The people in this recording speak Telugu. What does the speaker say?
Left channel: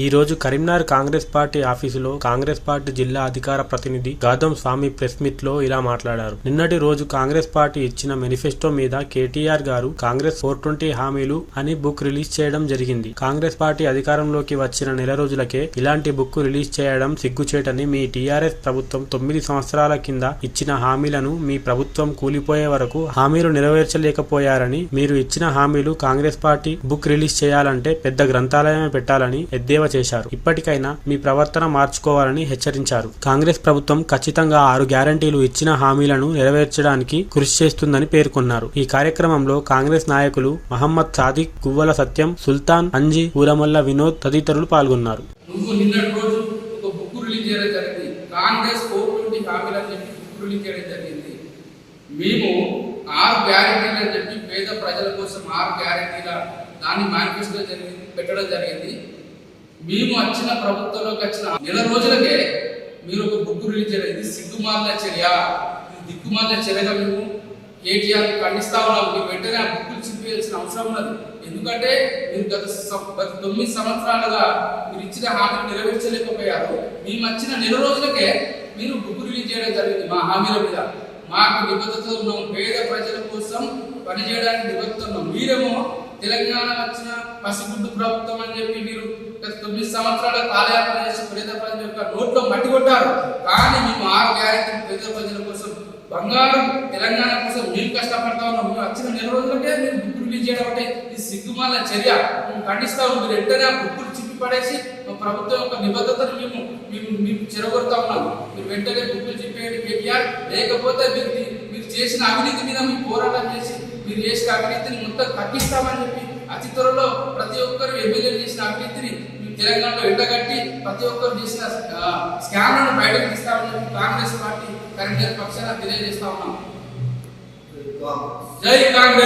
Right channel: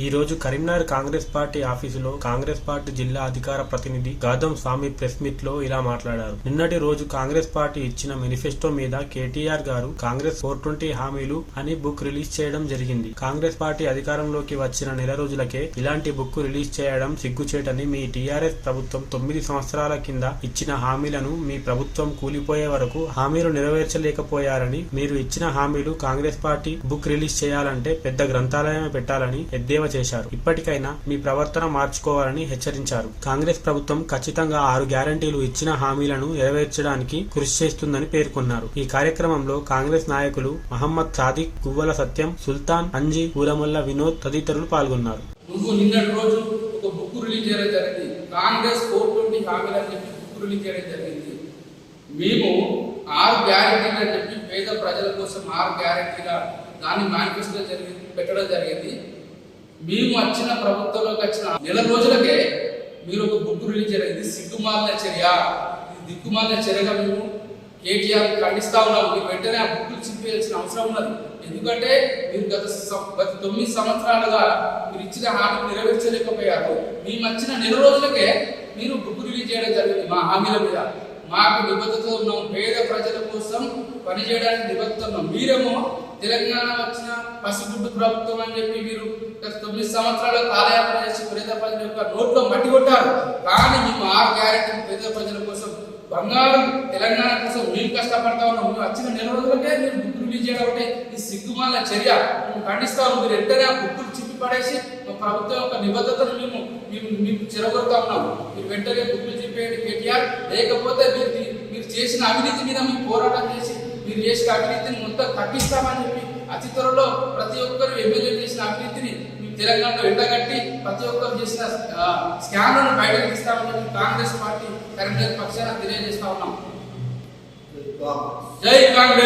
ఈ రోజు కరీంనగర్ కాంగ్రెస్ పార్టీ ఆఫీసులో కాంగ్రెస్ పార్టీ జిల్లా అధికార ప్రతినిధి గౌతమ్ స్వామి ప్రెస్ మీట్ లో ఇలా మాట్లాడారు. నిన్నటి రోజు కాంగ్రెస్ పార్టీ ఇచ్చిన మేనిఫెస్టో మీద కేటీఆర్ గారు కాంగ్రెస్ 420 హామీలు అని బుక్ రిలీజ్ చేయడం జరిగింది. కాంగ్రెస్ పార్టీ అధికారంలోకి వచ్చిన నెల రోజులకే ఇలాంటి బుక్ రిలీజ్ చేయడం సిగ్గుచేటని, మీ టీఆర్ఎస్ ప్రభుత్వం 9 సంవత్సరాల కింద ఇచ్చిన హామీలను మీ ప్రభుత్వం కూలిపోయే వరకు హామీలు నెరవేర్చలేకపోయారని, మీరు ఇచ్చిన హామీలు కాంగ్రెస్ పార్టీ బుక్ రిలీజ్ చేయాలంటే పెద్ద గ్రంథాలయమే పెట్టాలని ఎద్దేవా చేశారు. ఇప్పటికైనా మీ ప్రవర్తన మార్చుకోవాలని హెచ్చరించారు. కాంగ్రెస్ ప్రభుత్వం ఖచ్చితంగా 6 గ్యారంటీలు ఇచ్చిన హామీలను నెరవేర్చడానికి కృషి చేస్తుందని పేర్కొన్నారు. ఈ కార్యక్రమంలో కాంగ్రెస్ నాయకులు మహమ్మద్ సాదిక్, గువ్వల సత్యం, సుల్తాన్, అంజీ, ఊరమల్ల వినోద్ తదితరులు పాల్గొన్నారు. నిన్నటి రోజు ఒక బుక్ రిలీజ్ చేయడం జరిగింది. కాంగ్రెస్ 420 హామీలు అని చెప్పి బుక్ రిలీజ్ చేయడం జరిగింది. మేము 6 గ్యారంటీలు అని చెప్పి పేద ప్రజల కోసం 6 గ్యారంటీల దాన్ని మేనిఫెస్టో పెట్టడం జరిగింది. మేము వచ్చిన ప్రభుత్వంలోకి వచ్చిన నెల రోజులకే మీరు ఒక బుక్ రిలీజ్ చేయడం, ఇది సిగ్గుమాలిన చర్య, ఇది దిక్కుమాలిన చర్యగా మేము కేటీఆర్ ఖండిస్తా ఉన్నాం. మీరు వెంటనే ఆ బుక్లు చింపేయాల్సిన అవసరం ఉన్నది. ఎందుకంటే మీరు గత 9 సంవత్సరాలుగా మీరు ఇచ్చిన హామీలు నెరవేర్చలేకపోయారు. మేము వచ్చిన నెల రోజులకే మీరు బుక్ రిలీజ్ చేయడం జరిగింది. మా హామీల మీద మాకు నిబద్ధత ఉన్నాం, పేద ప్రజల కోసం పనిచేయడానికి నిబద్ధత ఉన్నాం. మీరేమో తెలంగాణ వచ్చిన పసిగుడ్డు ప్రభుత్వం అని చెప్పి మీరు గత 9 సంవత్సరాల కాలయాపన చేసి పేద ప్రజల యొక్క నోట్లో మట్టి కొట్టారు. కానీ మేము 6 గ్యారెంటీలు పేద ప్రజల కోసం, బంగారం తెలంగాణ కోసం మేము కష్టపడతా ఉన్నాం. మేము వచ్చిన నెల రోజులకే మీరు బుక్ రిలీజ్ చేయడం అంటే ఇది సిగ్గుమాల చర్య. మేము ఖండిస్తా ఉన్నాం. మీరు వెంటనే ఆ బుక్కులు చిప్పి పడేసి మా ప్రభుత్వం యొక్క నిబద్ధతను మేము చెరగొడతా ఉన్నాం. మీరు వెంటనే బుక్కులు చెప్పేయండి కేటీఆర్, లేకపోతే మీరు చేసిన అవినీతి మీద మేము పోరాటం చేసి మీరు చేసిన అవినీతిని మొత్తం తగ్గిస్తామని చెప్పి అతి త్వరలో ప్రతి ఒక్కరు ఎమ్మెల్యేలు చేసిన అవినీతిని తెలంగాణలో ఎండగట్టి ప్రతి ఒక్కరు చేసిన స్కామ్లను బయటకు తీస్తామని చెప్పి కాంగ్రెస్ పార్టీ కరీంనగర్ పక్షాన తెలియజేస్తా ఉన్నాం. జై కాంగ్రెస్.